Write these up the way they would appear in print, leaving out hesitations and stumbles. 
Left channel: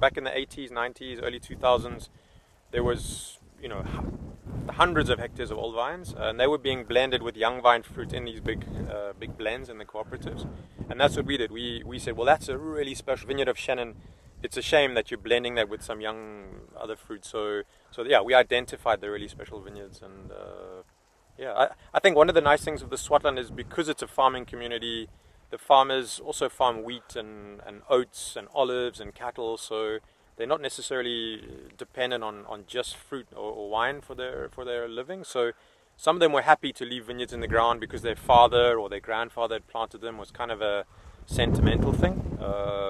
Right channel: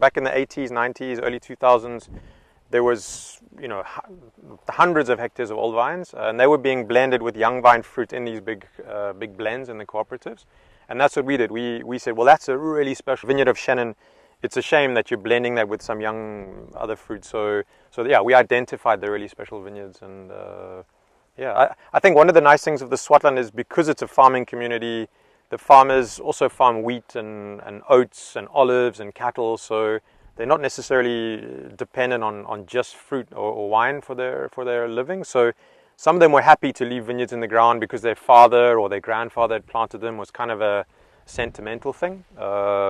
back in the 80s, 90s, early 2000s, there was, hundreds of hectares of old vines, and they were being blended with young vine fruit in these big blends in the cooperatives. And that's what we did. We said, well, that's a really special vineyard of Chenin. It's a shame that you're blending that with some young other fruit. So we identified the really special vineyards. And I think one of the nice things of the Swartland is because it's a farming community, the farmers also farm wheat and oats and olives and cattle. So they're not necessarily dependent on just fruit or wine for their living. So some of them were happy to leave vineyards in the ground because their father or their grandfather had planted them. Was kind of a sentimental thing.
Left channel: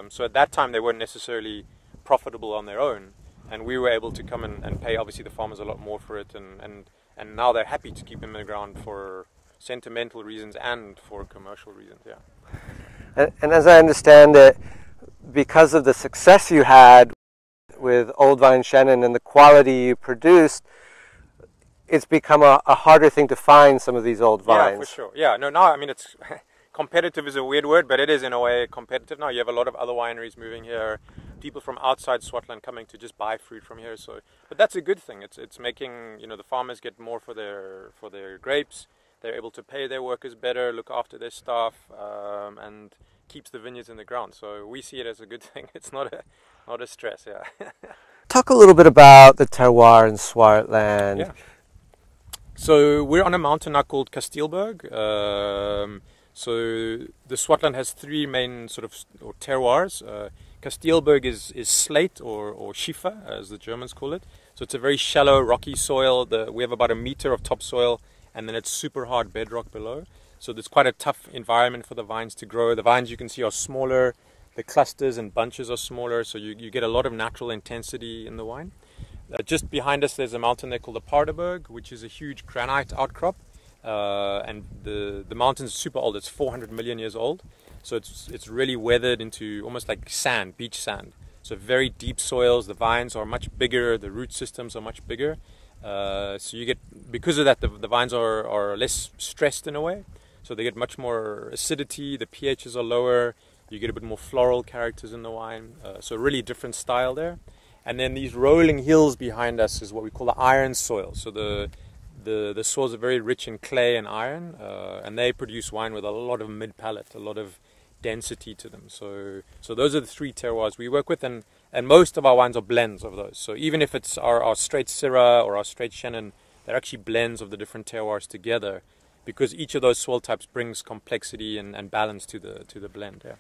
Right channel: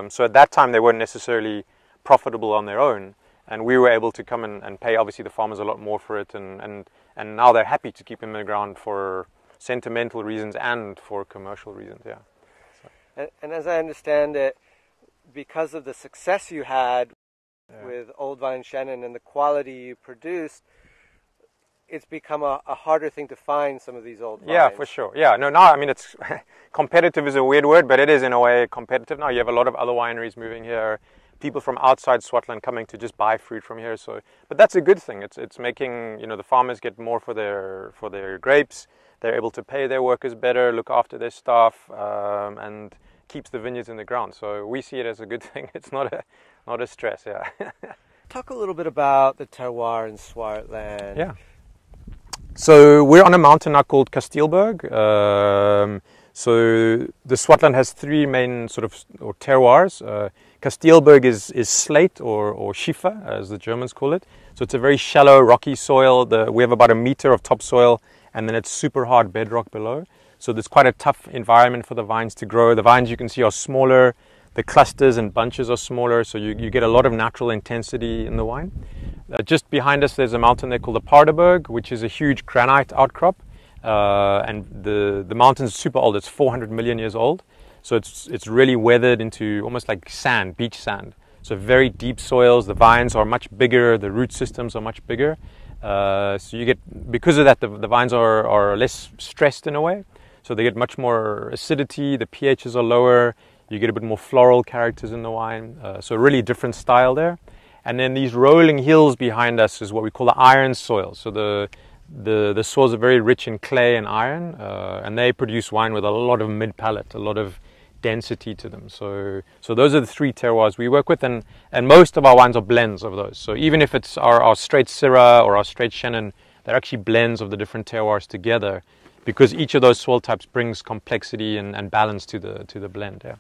So at that time they weren't necessarily profitable on their own, and we were able to come and pay obviously the farmers a lot more for it, and now they're happy to keep them in the ground for sentimental reasons and for commercial reasons. And as I understand it, because of the success you had with Old Vine Chenin and the quality you produced, it's become a harder thing to find some of these old vines. Yeah, for sure. Yeah, no, now, I mean, it's competitive is a weird word, but it is in a way competitive now. You have a lot of other wineries moving here, people from outside Swartland coming to just buy fruit from here. So, but that's a good thing. It's making, the farmers get more for their grapes. They're able to pay their workers better, look after their staff, and keeps the vineyards in the ground. So we see it as a good thing. It's not a stress. Yeah. Talk a little bit about the terroir in Swartland. Yeah. So we're on a mountain now called Kastilberg. So the Swartland has three main terroirs. Kastilberg is slate or schiefer, as the Germans call it. So it's a very shallow, rocky soil. We have about a meter of topsoil, and then it's super hard bedrock below. So there's quite a tough environment for the vines to grow. The vines you can see are smaller. The clusters and bunches are smaller, so you get a lot of natural intensity in the wine. Just behind us, there's a mountain there called the Paardeberg, which is a huge granite outcrop. And the mountain's super old. It's 400 million years old. So it's really weathered into almost like sand, beach sand. So very deep soils. The vines are much bigger. The root systems are much bigger. So you get, because of that, the vines are less stressed in a way. So they get much more acidity. The pHs are lower. You get a bit more floral characters in the wine. So really different style there. And then these rolling hills behind us is what we call the iron soil. So the soils are very rich in clay and iron, and they produce wine with a lot of mid-palate, a lot of density to them. So those are the three terroirs we work with, and most of our wines are blends of those. So even if it's our straight Syrah or our straight Chenin, they're actually blends of the different terroirs together, because each of those soil types brings complexity and balance to the blend. Yeah.